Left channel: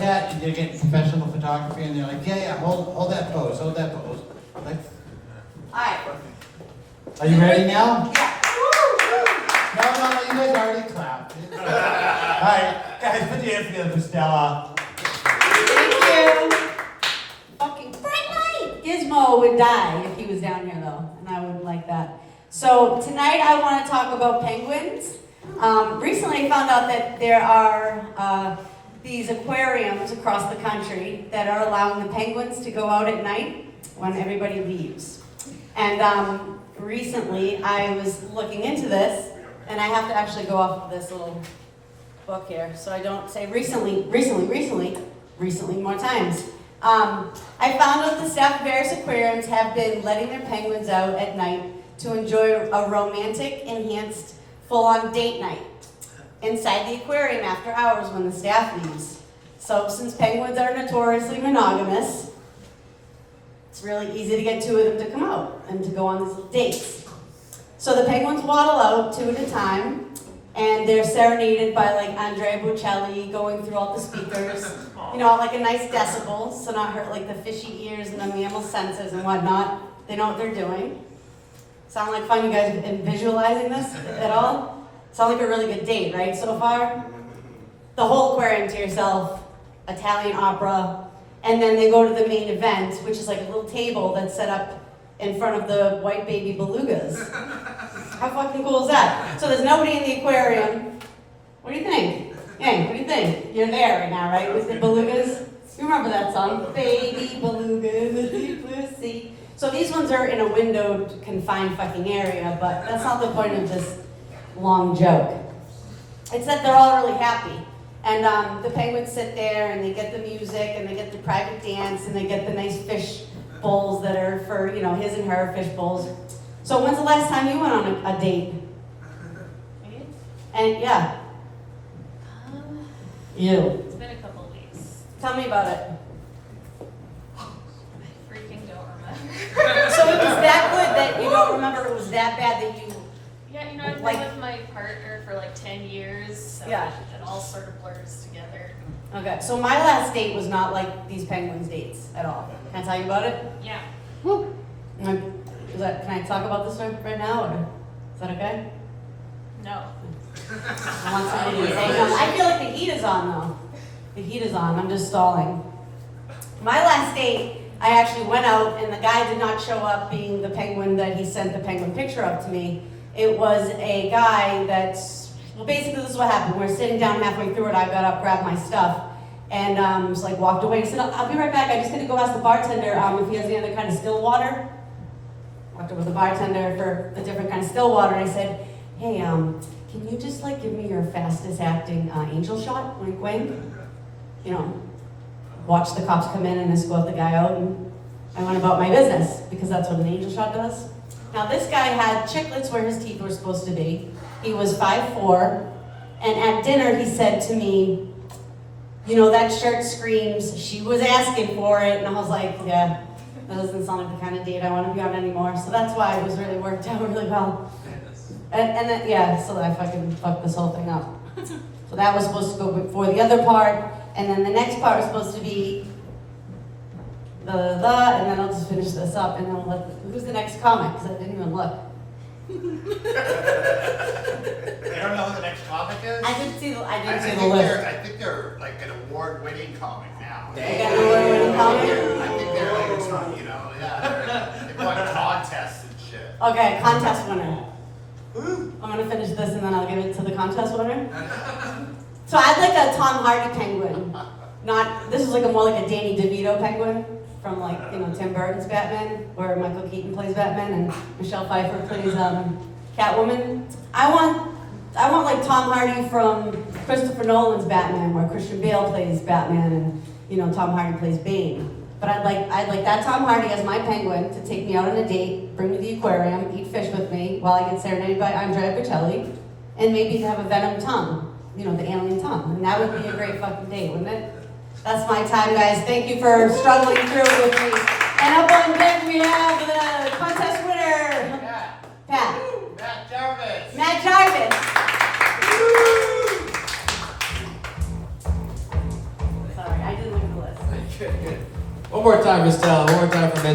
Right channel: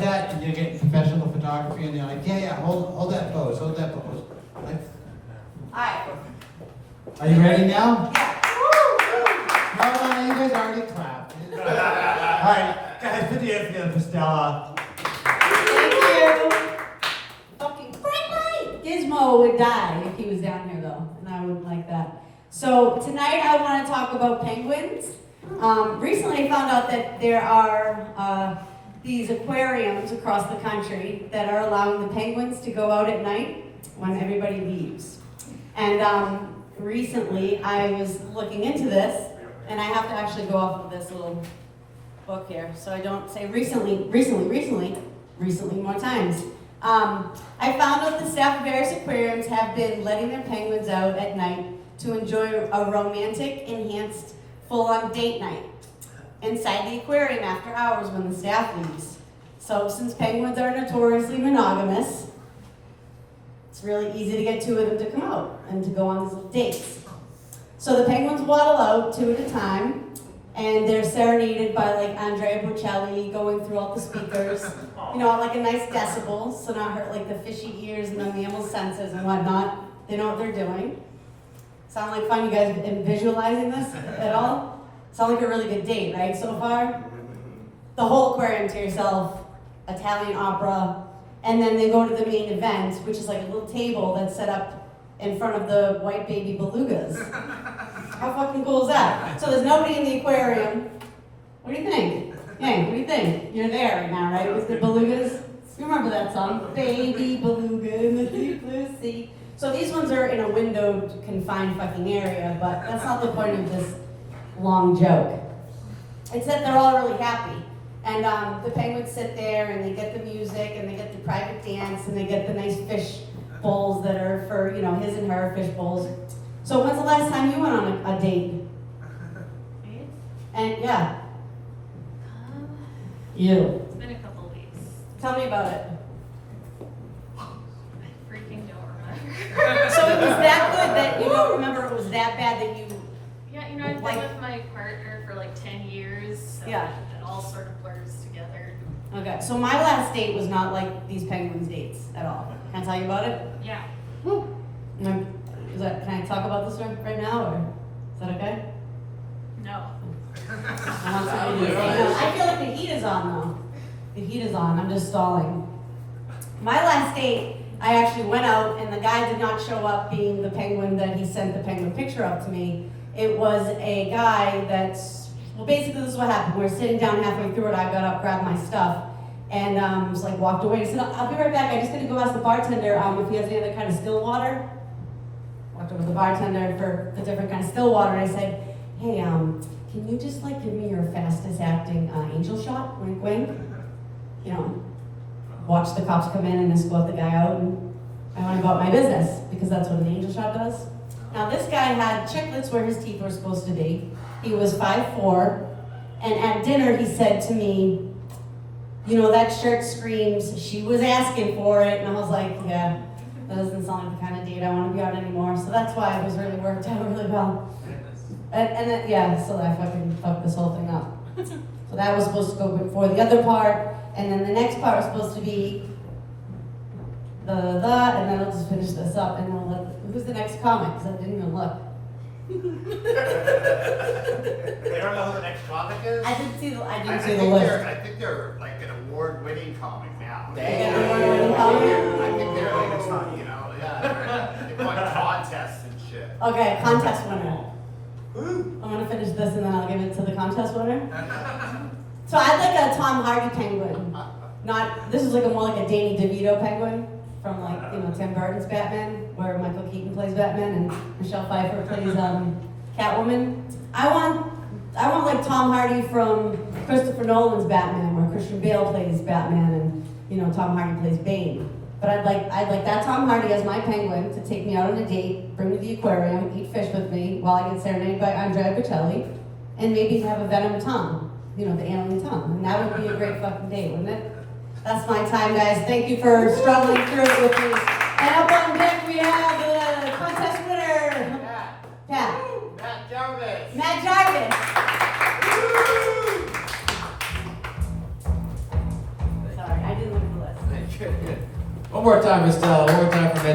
that, and you're getting professional photography, and they're like, yeah, hold that pose, Like, Alright. are you ready now? Yeah. No, you guys already clapped. Alright, guys, put your hands together for Stella. Thank you. Okay, bright light. Gizmo would die if he was down here though, and I wouldn't like that. So tonight I want to talk about penguins. Recently I found out that there are these aquariums across the country that are allowing the penguins to go out at night when everybody leaves. And recently I was looking into this, and I have to actually go off of this little book here, so I don't say recently more times. I found out the staff of various aquariums have been letting their penguins out at night to enjoy a romantic, enhanced, full-on date night inside the aquarium after hours when the staff leaves. So since penguins are notoriously monogamous, it's really easy to get two of them to come out and to go on these little dates. So the penguins waddle out two at a time, and they're serenaded by like Andrea Bocelli going through all the speakers, you know, like a nice decibel, so not hurt like the fishy ears and the mammal senses and whatnot. They know what they're doing. Sound like fun? You guys been visualizing this at all? Sound like a really good date, right, so far? The whole aquarium to yourself, Italian opera, and then they go to the main event, which is like a little table that's set up in front of the white baby belugas. How fucking cool is that? So there's nobody in the aquarium. What do you think? Yang, what do you think? You're there right now, right, with the belugas? You remember that song? Baby beluga, Mittzy Picardo. So these ones are in a windowed, confined fucking area, but that's not the point of this long joke. It's that they're all really happy. And the penguins sit there and they get the music and they get the private dance and they get the nice fish bowls that are for, you know, his and her fish bowls. So when's the last time you went on a date? Me? And yeah. It's You. been a couple weeks. Tell me about it. I freaking don't remember. So it was that good that you don't remember, it was that bad that you... Yeah, you know, I've been with my partner for like 10 years. So Yeah. It all sort of blurs together. Okay, so my last date was not like these penguins dates at all. Can I tell you about it? Yeah. Can I talk about this right now, or is that okay? No. I want somebody to say no. I feel like the heat is on though. The heat is on, I'm just stalling. My last date, I actually went out and the guy did not show up being the penguin that he sent the penguin picture of to me. It was a guy that's, well basically this is what happened. We're sitting down halfway through it, I got up, grabbed my stuff, and just like walked away. He said, I'll be right back, I'm just gonna go ask the bartender if he has any other kind of still water. Walked over to the bartender for a different kind of still water, and I said, hey, can you just like give me your fastest acting angel shot, wink wink? You know, watch the cops come in and escort the guy out, and I went about my business, because that's what an angel shot does. Now this guy had chiclets where his teeth were supposed to be. He was 5'4", and at dinner he said to me, you know, that shirt screams, she was asking for it, and I was like, yeah, that doesn't sound like the kind of date I want to be on anymore, so that's why it was really worked out really well. And then, yeah, so I fucking fucked this whole thing up. So that was supposed to go before the other part, and then the next part was supposed to be and then I'll just finish this up, and then we'll let, who's the next comic, because I didn't even look. They don't know who the next comic is? I didn't see the list. I think they're like an award-winning comic now. They got an award-winning comic? I think they're like, you know, yeah. They won contests and shit. Okay, contest winner. I'm gonna finish this and then I'll give it to the contest winner. So I'd like a Tom Hardy penguin. This is like more like a Danny DeVito penguin from like, you know, Tim Burton's Batman, where Michael Keaton plays Batman and Michelle Pfeiffer plays Catwoman. I want like Tom Hardy from Christopher Nolan's Batman, where Christian Bale plays Batman and, you know, Tom Hardy plays Bane. But I'd like that Tom Hardy as my penguin to take me out on a date, bring me to the aquarium, eat fish with me while I get serenaded by Andrea Bocelli, and maybe have a venom tongue, you know, the alien tongue. And that would be a great fucking date, wouldn't it? That's my time, guys. Thank you for struggling through it with me. And up on deck we have the contest winner, Pat. Matt Jarvis. Matt Jarvis. Sorry, I Good. One more time, Miss Stella. One more time for Mittzy.